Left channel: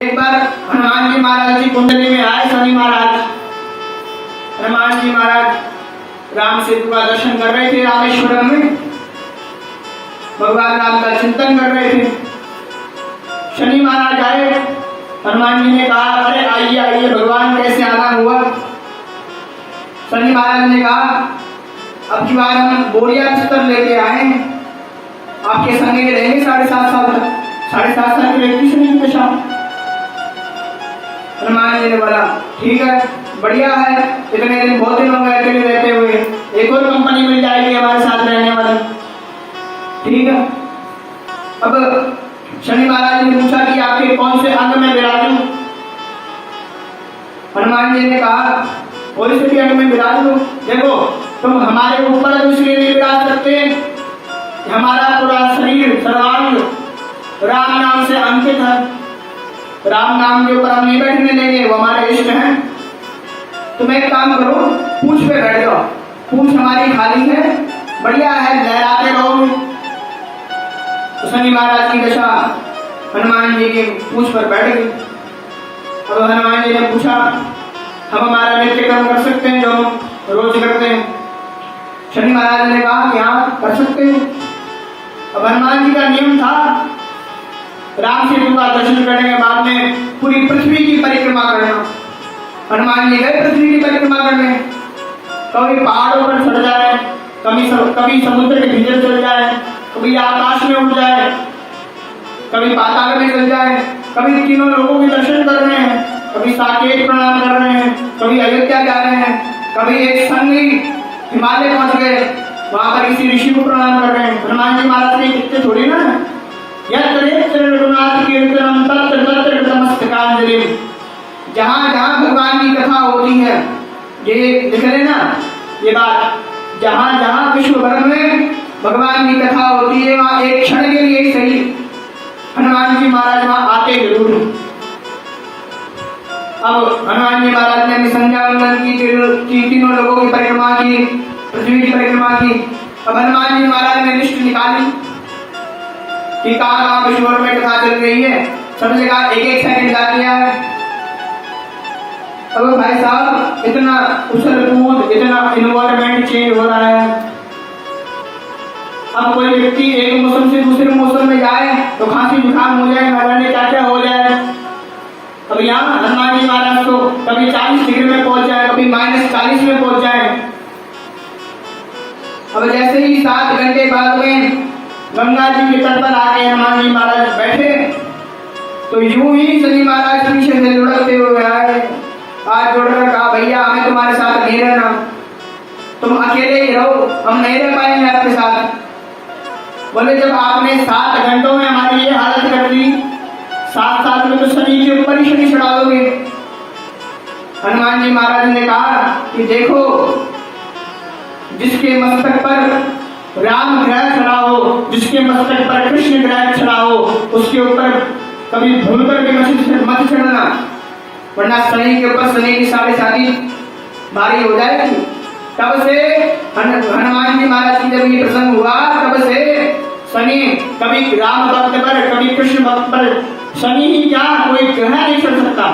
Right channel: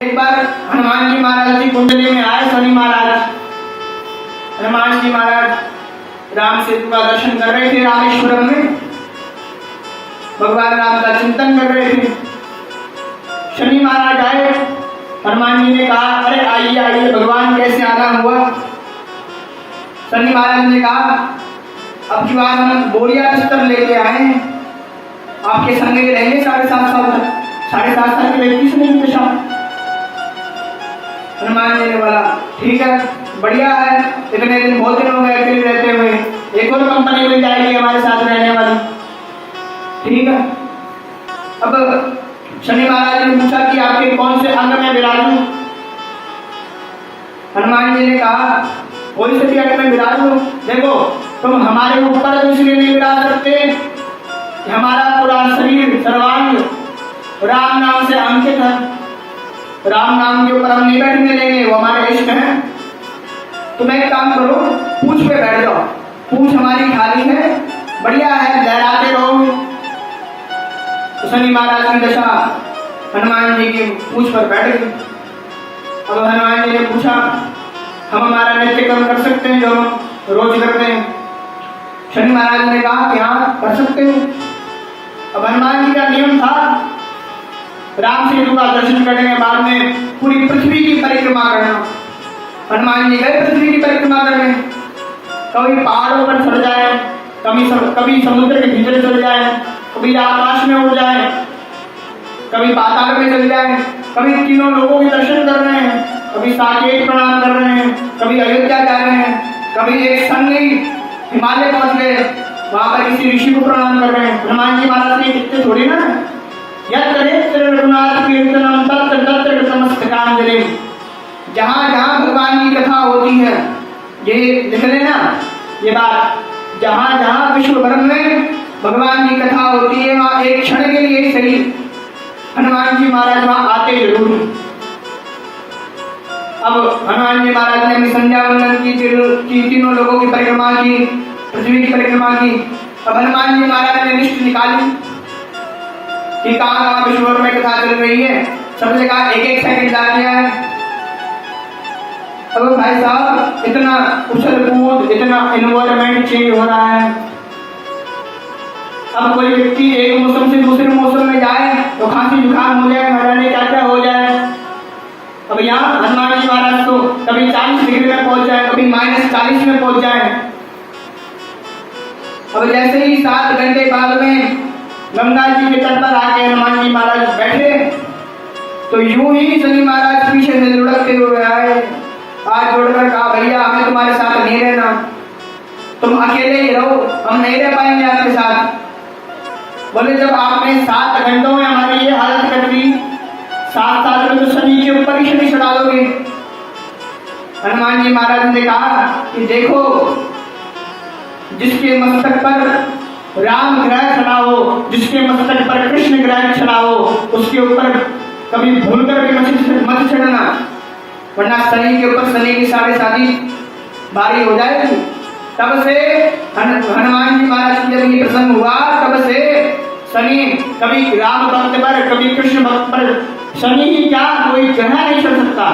एक बार हनुमान जी महाराज जी कुंडली में आए शनि महाराज। हनुमान जी महाराज राम सेतु का दर्शन कर रहे थे रामेश्वरम में, भगवान राम का चिंतन कर रहे थे। शनि महाराज आए, हनुमान जी ने कहा अरे आइए आइए भगवान कैसे आना हुआ। शनि महाराज ने कहा अब की बार हम बोरिया बिस्तर लेके आए, आपके संग ही रहेंगे 7.5 साल तक। 7.5 साल के व्यक्ति से नहीं पूछा। हनुमान जी ने बोला ठीक है बढ़िया है, इतने दिन बहुत दिन हो गए अकेले रहते हुए, एक और कंपनी मिल जाएगी हमारे साथ रहने वाली। ठीक है। अब शनि महाराज ने पूछा कि आपके कौन से अंग में विराजू। हनुमान जी ने कहा कोई से भी अंग में विराजू। देखो तुम हमारे ऊपर तो इसलिए नहीं विराज सकते, हमारा पूरा शरीर सर्वांग राम नाम से अंकित है। राम नाम के ऊपर हम नहीं बैठने लेंगे, वो हमारे इष्ट हैं। तुम एक काम करो, पूंछ पे बैठ जाओ, पूंछ हमारी खाली है, बढ़िया है, लहराते रहो। तो शनि महाराज की दशा हनुमान जी के पूंछ पर बैठ गई। अब हनुमान जी ने पूछा हम हमारा नित्य कर्म कर सकते हैं जो रोज करते हैं। शनि महाराज ने कहा कि हाँ कर सकते हैं। अब हनुमान जी का नियम था राम सेतु का दर्शन करने के बाद में पूरी पृथ्वी की परिक्रमा करना। हनुमान जी गए पृथ्वी की परिक्रमा करने, कभी पहाड़ों पर चढ़ जाए, कभी समुद्र के भीतर चल जाए, कभी आकाश में उड़ जाए, कभी पाताल में चल जाए, कभी तीनों लोगों के दर्शन कर रहे हैं, कभी साकेत प्रणाम कर रहे हैं, कभी अयोध्या जा रहे हैं, कभी एक संग हिमालय पहुंच गए, वहां पर किसी ऋषि को प्रणाम कर रहे हैं। हनुमान जी महाराज ने कितने थोड़ी ना जहां जहां भगवान की कथा होती है, ये लिख लेना ये बात, जहां जहां विश्व भर में भगवान की कथा होती है वहां एक क्षण के लिए ही सही हनुमान जी महाराज वहां आते जरूर। अब हनुमान जी महाराज ने संध्या वंदन की, तीनों लोगों की परिक्रमा की, पृथ्वी की परिक्रमा की। अब हनुमान जी महाराज ने लिस्ट निकाली कि कहाँ विश्व में कथा चल रही है, सब जगह एक सेकंड जा दिया है। अब भाई साहब इतना उछल कूद, इतना इन्वायरमेंट चेंज हो रहा है। अब कोई व्यक्ति एक मौसम से दूसरे मौसम में जाए तो खांसी जुकाम हो जाए, न जाने क्या क्या हो जाए। अब यहाँ हनुमान जी महाराज को कभी 40 डिग्री में पहुंच जाए, कभी -40 में पहुंच जाए। अब जैसे ही 7 घंटे बाद में गंगा जी के तट पर आके हनुमान जी महाराज बैठे तो यूं ही शनि महाराज पीछे से लुढ़कते हुए आए, हाथ जोड़कर कहा भैया हमें तुम्हारे साथ नहीं रहना, तुम अकेले ही रहो, हम नहीं रह पाएंगे आपके साथ। बोले जब आपने 7 घंटों में हमारी ये हालत कर दी, 7 साल में तो शनि के ऊपर ही शनि चढ़ाओगे। हनुमान जी महाराज ने कहा कि देखो जिसके मस्तक पर राम ग्रह खड़ा हो, जिसके मस्तक पर कृष्ण ग्रह खड़ा हो, उसके ऊपर कभी भूलकर भी मत चढ़ना, वरना शनि के ऊपर शनि की 7.5 भारी हो जाएगी। तब से हनुमान जी महाराज की जब ये प्रसंग हुआ, तब से शनि कभी राम भक्त पर, कभी कृष्ण भक्त पर, शनि ही क्या कोई ग्रह नहीं चढ़ सकता।